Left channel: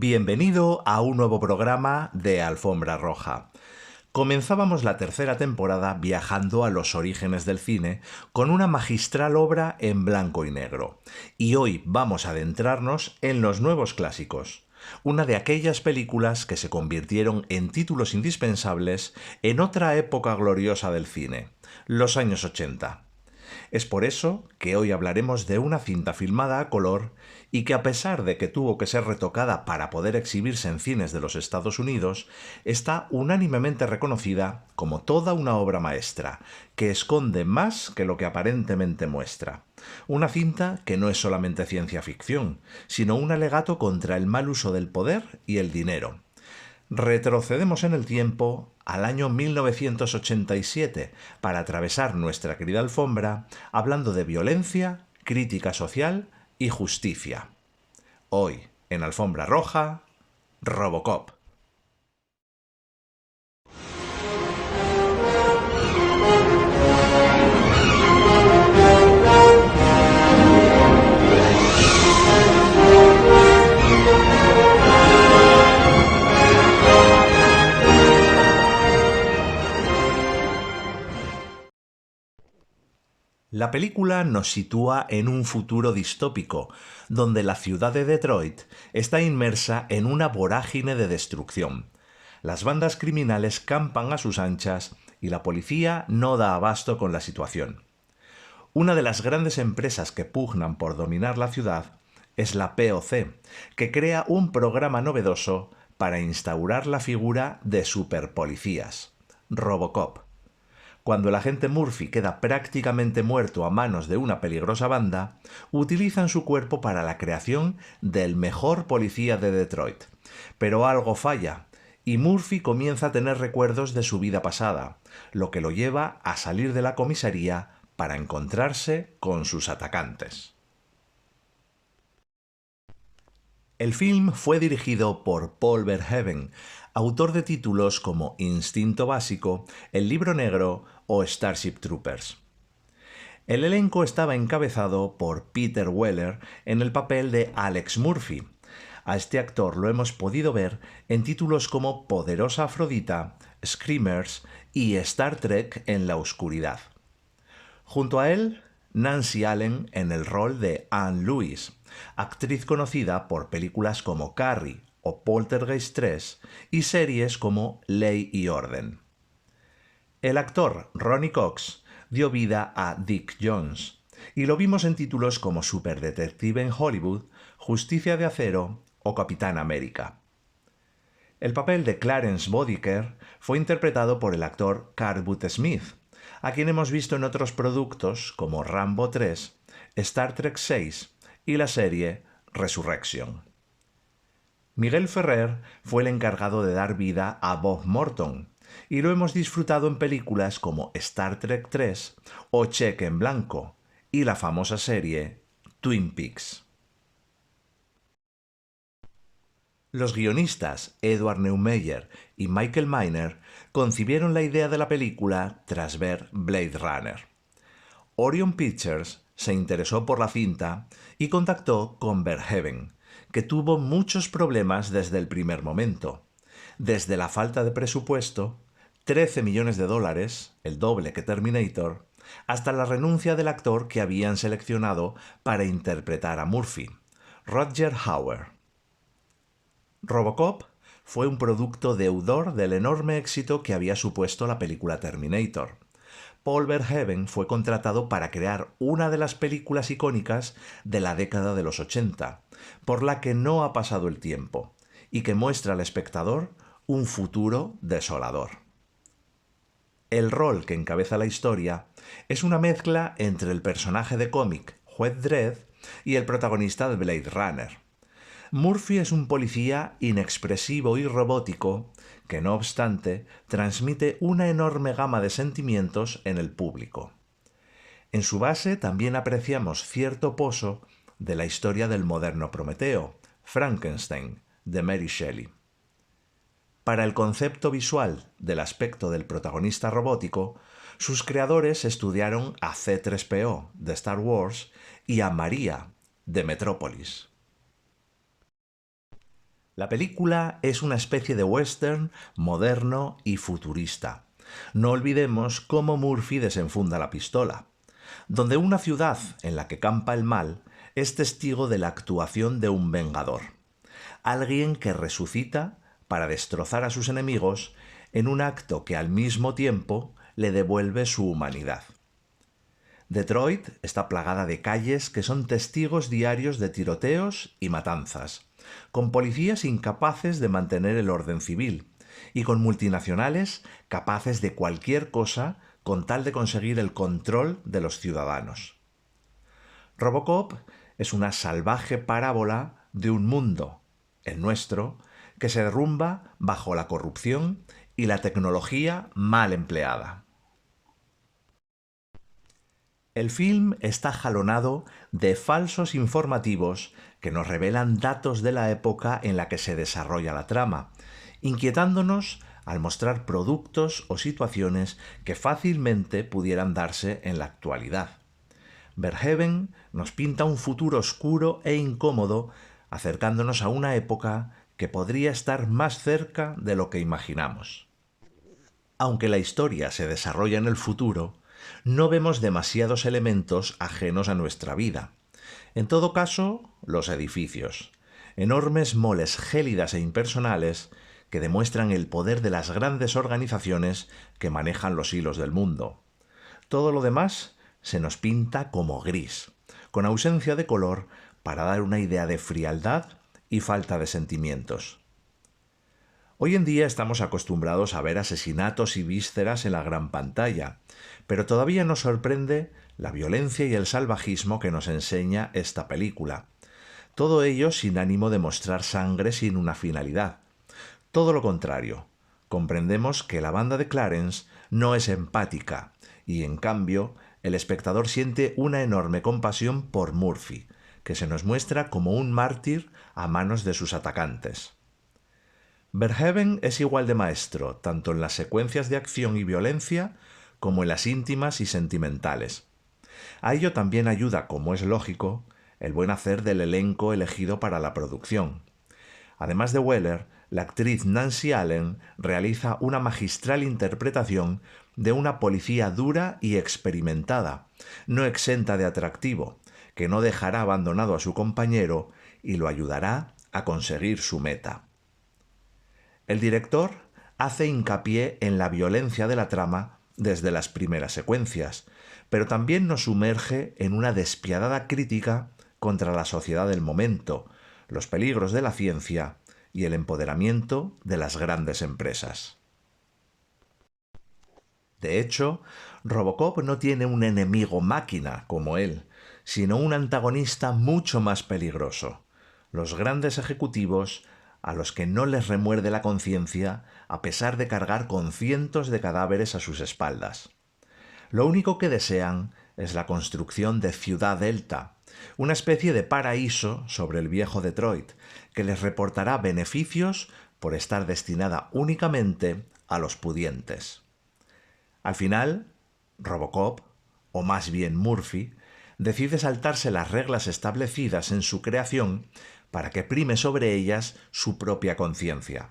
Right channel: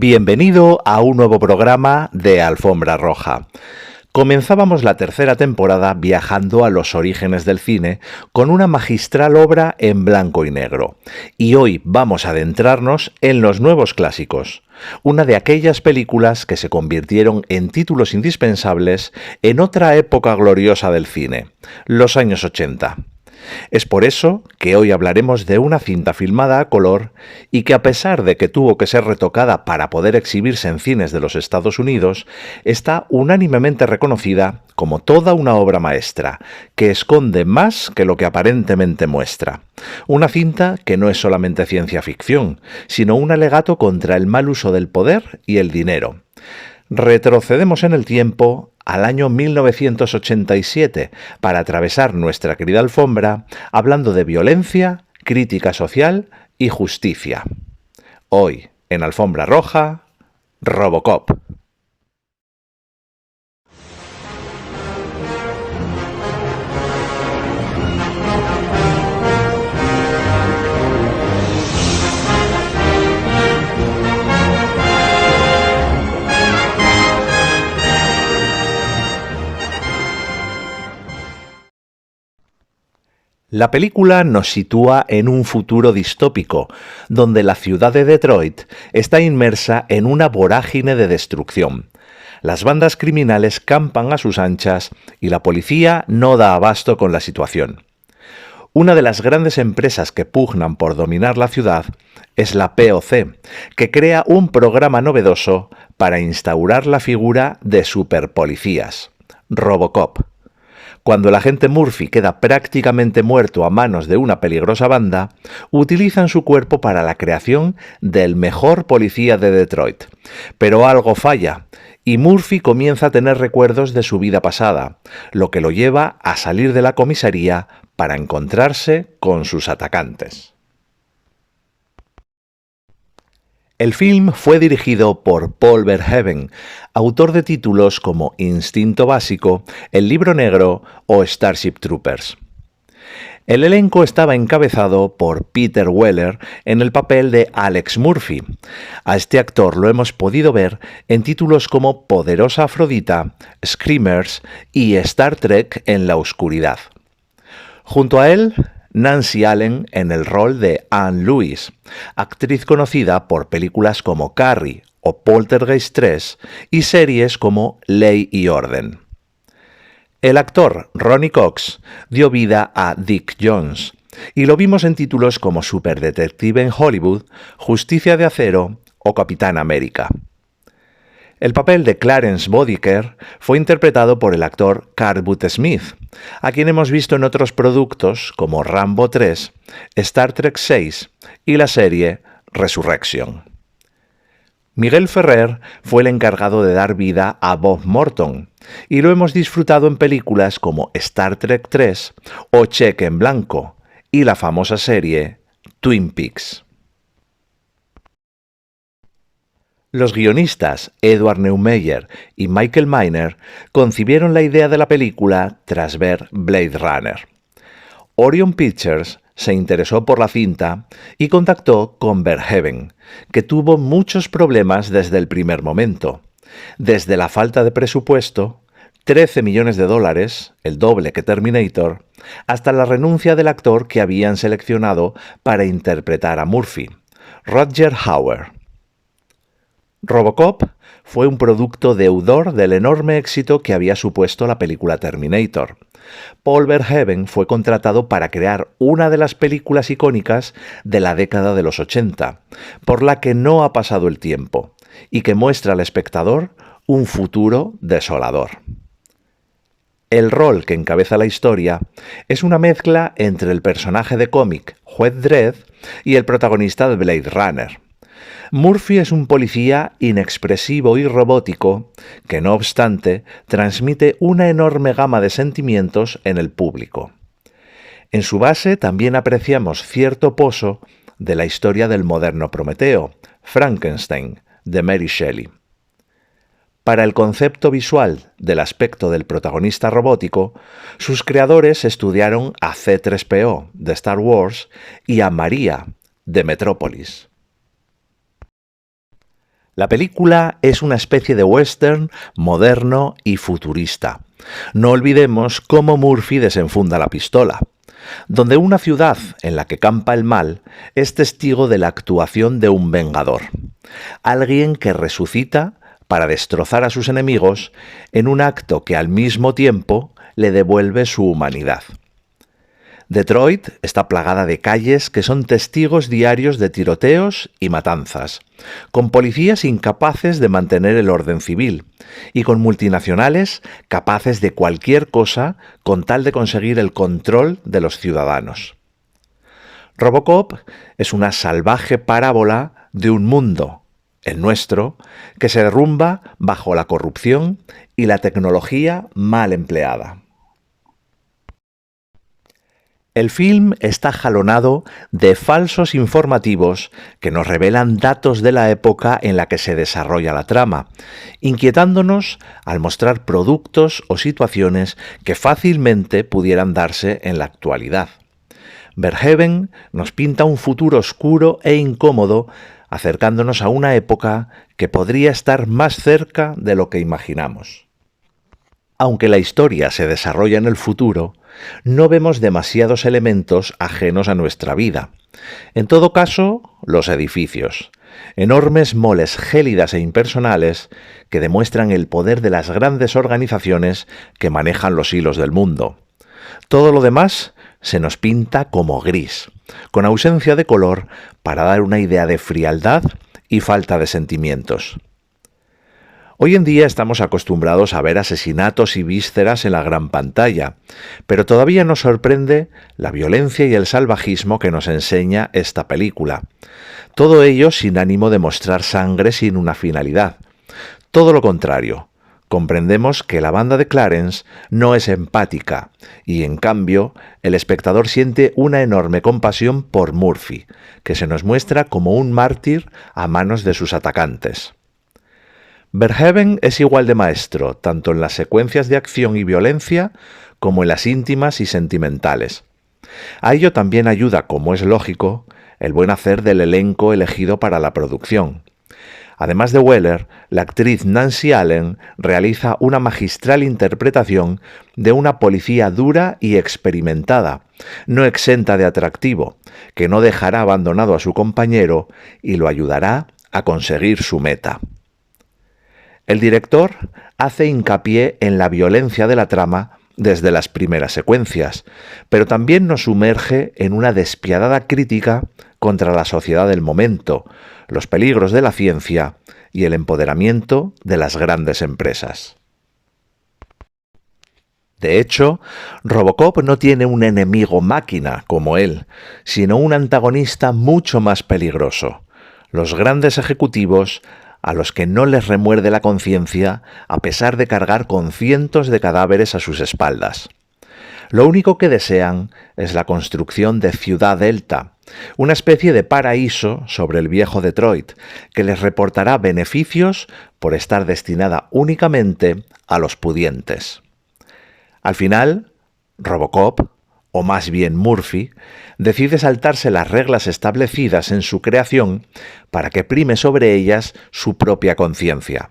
Bienvenido a un nuevo programa de Alfombra Roja. Comenzábamos la tercera temporada viajando a los orígenes del cine con una magistral obra en blanco y negro. Y hoy vamos a adentrarnos en los nuevos clásicos, una de aquellas películas que se convirtieron en títulos indispensables en otra época gloriosa del cine, los años 80. Es por eso que hoy hablaremos de una cinta filmada a color y que, a pesar de que tuvo que ser retocada para poder exhibirse en cines de los Estados Unidos, está unánimemente reconocida como toda una obra maestra, que esconde más que lo que aparentemente muestra. Una cinta que no es solamente ciencia ficción, sino un alegato contra el mal uso del poder y el dinero. Retrocedemos en el tiempo al año 1987 para atravesar nuestra querida alfombra hablando de violencia, crítica social y justicia. Hoy, en Alfombra Roja, Robocop. La película nos sitúa en un futuro distópico, donde la ciudad de Detroit está inmersa en una vorágine de destrucción. Las bandas criminales campan a sus anchas y la policía no da abasto con la situación. Una de las grandes empresas que pugnan por dominar la ciudad es la POC, que crea un programa novedoso para instaurar la figura de superpolicías, Robocop. Cuando el agente Murphy queda prácticamente muerto a manos de una peligrosa banda, utilizan su cuerpo para la creación del mejor policía de Detroit. Pero algo falla, y Murphy comienza a tener recuerdos de su vida pasada, lo que lo lleva a salir de la comisaría para encontrarse con sus atacantes. El film fue dirigido por Paul Verhoeven, autor de títulos como Instinto Básico, El Libro Negro o Starship Troopers. El elenco estaba encabezado por Peter Weller en el papel de Alex Murphy. A este actor lo hemos podido ver en títulos como Poderosa Afrodita, Screamers y Star Trek en la oscuridad. Junto a él, Nancy Allen en el rol de Anne Lewis, actriz conocida por películas como Carrie o Poltergeist 3 y series como Ley y Orden. El actor Ronny Cox dio vida a Dick Jones y lo vimos en títulos como Superdetective en Hollywood, Justicia de Acero o Capitán América. El papel de Clarence Bodiker fue interpretado por el actor Carl Smith, a quien hemos visto en otros productos como Rambo 3, Star Trek 6 y la serie Resurrection. Miguel Ferrer fue el encargado de dar vida a Bob Morton, y lo hemos disfrutado en películas como Star Trek 3 o Cheque en Blanco y la famosa serie Twin Peaks. Los guionistas Edward Neumeyer y Michael Miner concibieron la idea de la película tras ver Blade Runner. Orion Pictures se interesó por la cinta y contactó con Verhoeven, que tuvo muchos problemas desde el primer momento, desde la falta de presupuesto, $13 millones, el doble que Terminator, hasta la renuncia del actor que habían seleccionado para interpretar a Murphy, Rutger Hauer. Robocop fue un producto deudor del enorme éxito que había supuesto la película Terminator. Paul Verhoeven fue contratado para crear una de las películas icónicas de la década de los 80, por la que no ha pasado el tiempo, y que muestra al espectador un futuro desolador. El rol que encabeza la historia es una mezcla entre el personaje de cómic Juez Dredd y el protagonista de Blade Runner. Murphy es un policía inexpresivo y robótico que, no obstante, transmite una enorme gama de sentimientos en el público. En su base también apreciamos cierto pozo de la historia del moderno Prometeo, Frankenstein, de Mary Shelley. Para el concepto visual del aspecto del protagonista robótico, sus creadores estudiaron a C-3PO, de Star Wars, y a María, de Metrópolis. La película es una especie de western moderno y futurista. No olvidemos cómo Murphy desenfunda la pistola, donde una ciudad en la que campa el mal es testigo de la actuación de un vengador, alguien que resucita para destrozar a sus enemigos en un acto que al mismo tiempo le devuelve su humanidad. Detroit está plagada de calles que son testigos diarios de tiroteos y matanzas, con policías incapaces de mantener el orden civil y con multinacionales capaces de cualquier cosa con tal de conseguir el control de los ciudadanos. Robocop es una salvaje parábola de un mundo, el nuestro, que se derrumba bajo la corrupción y la tecnología mal empleada. El film está jalonado de falsos informativos que nos revelan datos de la época en la que se desarrolla la trama, inquietándonos al mostrar productos o situaciones que fácilmente pudieran darse en la actualidad. Verhoeven nos pinta un futuro oscuro e incómodo, acercándonos a una época que podría estar más cerca de lo que imaginamos. Aunque la historia se desarrolla en el futuro, no vemos demasiados elementos ajenos a nuestra vida. En todo caso, los edificios, enormes moles gélidas e impersonales que demuestran el poder de las grandes organizaciones que manejan los hilos del mundo. Todo lo demás se nos pinta como gris, con ausencia de color para dar una idea de frialdad y falta de sentimientos. Hoy en día estamos acostumbrados a ver asesinatos y vísceras en la gran pantalla, pero todavía nos sorprende la violencia y el salvajismo que nos enseña esta película. Todo ello sin ánimo de mostrar sangre sin una finalidad. Todo lo contrario, comprendemos que la banda de Clarence no es empática y, en cambio, el espectador siente una enorme compasión por Murphy, que se nos muestra como un mártir a manos de sus atacantes. Verhoeven es igual de maestro, tanto en las secuencias de acción y violencia como en las íntimas y sentimentales. A ello también ayuda, como es lógico, el buen hacer del elenco elegido para la producción. Además de Weller, la actriz Nancy Allen realiza una magistral interpretación de una policía dura y experimentada, no exenta de atractivo, que no dejará abandonado a su compañero y lo ayudará a conseguir su meta. El director hace hincapié en la violencia de la trama desde las primeras secuencias, pero también nos sumerge en una despiadada crítica contra la sociedad del momento, los peligros de la ciencia y el empoderamiento de las grandes empresas. De hecho, Robocop no tiene un enemigo máquina como él, sino un antagonista mucho más peligroso: los grandes ejecutivos a los que no les remuerde la conciencia a pesar de cargar con cientos de cadáveres a sus espaldas. Lo único que desean es la construcción de Ciudad Delta, una especie de paraíso sobre el viejo Detroit, que les reportará beneficios por estar destinada únicamente a los pudientes. Al final, Robocop, o más bien Murphy, decide saltarse las reglas establecidas en su creación para que prime sobre ellas su propia conciencia.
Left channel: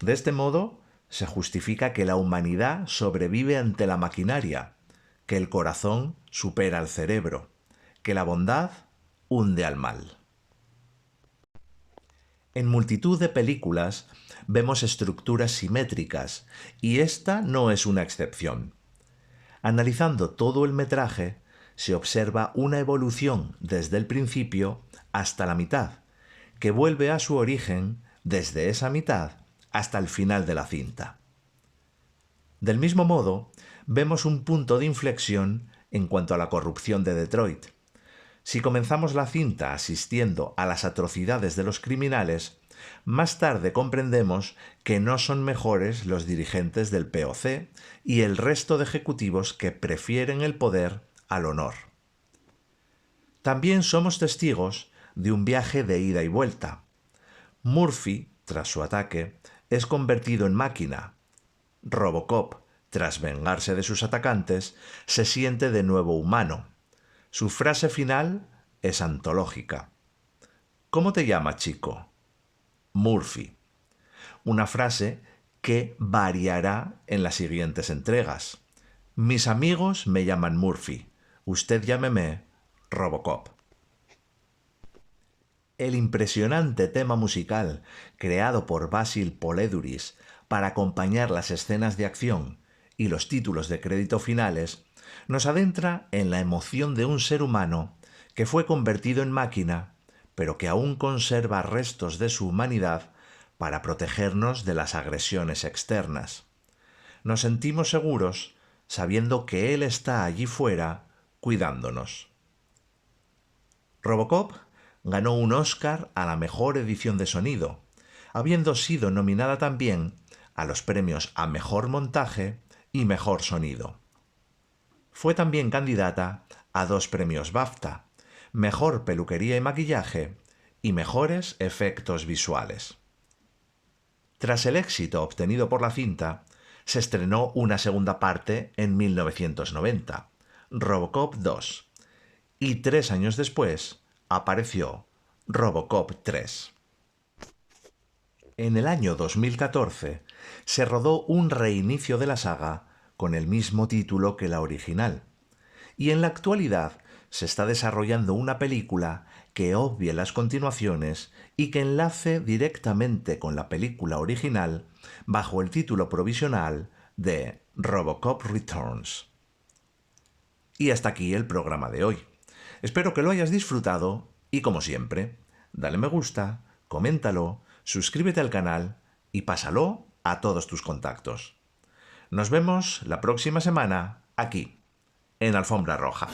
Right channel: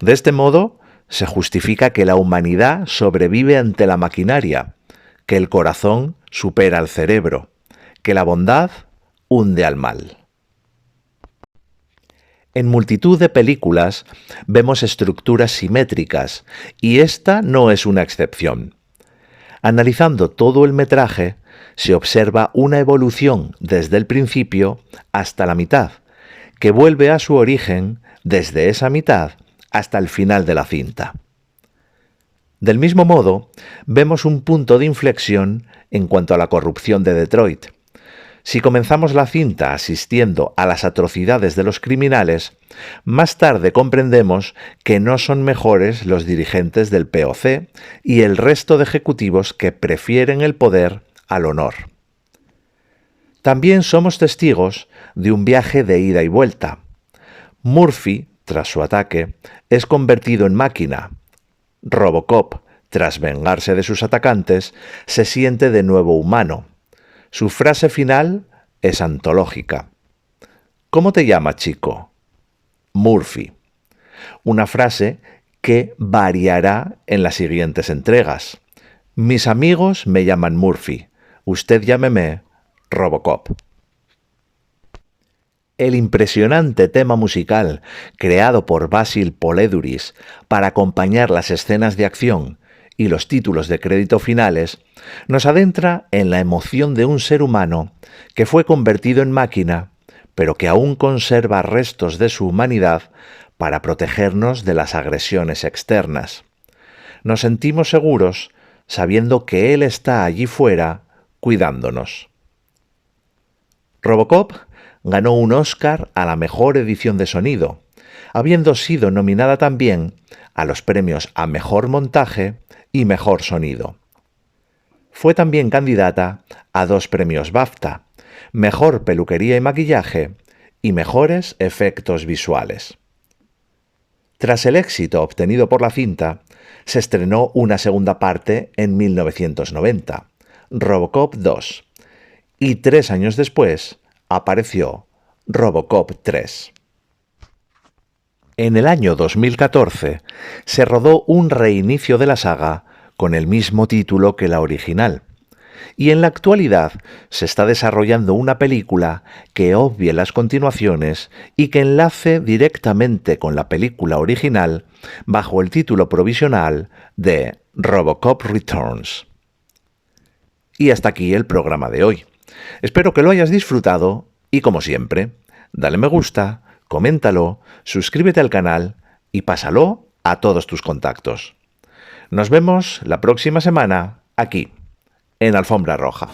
De este modo, se justifica que la humanidad sobrevive ante la maquinaria, que el corazón supera al cerebro, que la bondad hunde al mal. En multitud de películas vemos estructuras simétricas, y esta no es una excepción. Analizando todo el metraje, se observa una evolución desde el principio hasta la mitad, que vuelve a su origen desde esa mitad hasta el final de la cinta. Del mismo modo, vemos un punto de inflexión en cuanto a la corrupción de Detroit. Si comenzamos la cinta asistiendo a las atrocidades de los criminales, más tarde comprendemos que no son mejores los dirigentes del POC y el resto de ejecutivos que prefieren el poder al honor. También somos testigos de un viaje de ida y vuelta. Murphy, tras su ataque, es convertido en máquina. Robocop, tras vengarse de sus atacantes, se siente de nuevo humano. Su frase final es antológica. ¿Cómo te llamas, chico? Murphy. Una frase que variará en las siguientes entregas. Mis amigos me llaman Murphy. Usted llámeme Robocop. El impresionante tema musical creado por Basil Poledouris para acompañar las escenas de acción y los títulos de crédito finales nos adentra en la emoción de un ser humano que fue convertido en máquina, pero que aún conserva restos de su humanidad para protegernos de las agresiones externas. Nos sentimos seguros sabiendo que Él está allí fuera cuidándonos. Robocop ganó un Oscar a la mejor edición de sonido, habiendo sido nominada también a los premios a Mejor Montaje y Mejor Sonido. Fue también candidata a 2 premios BAFTA, Mejor Peluquería y Maquillaje y Mejores Efectos Visuales. Tras el éxito obtenido por la cinta, se estrenó una segunda parte en 1990, Robocop 2, y 3 años después apareció Robocop 3. En el año 2014 se rodó un reinicio de la saga con el mismo título que la original, y en la actualidad se está desarrollando una película que obvie las continuaciones y que enlace directamente con la película original bajo el título provisional de Robocop Returns. Y hasta aquí el programa de hoy. Espero que lo hayas disfrutado y, como siempre, dale me gusta, coméntalo, suscríbete al canal y pásalo a todos tus contactos. Nos vemos la próxima semana aquí, en Alfombra Roja.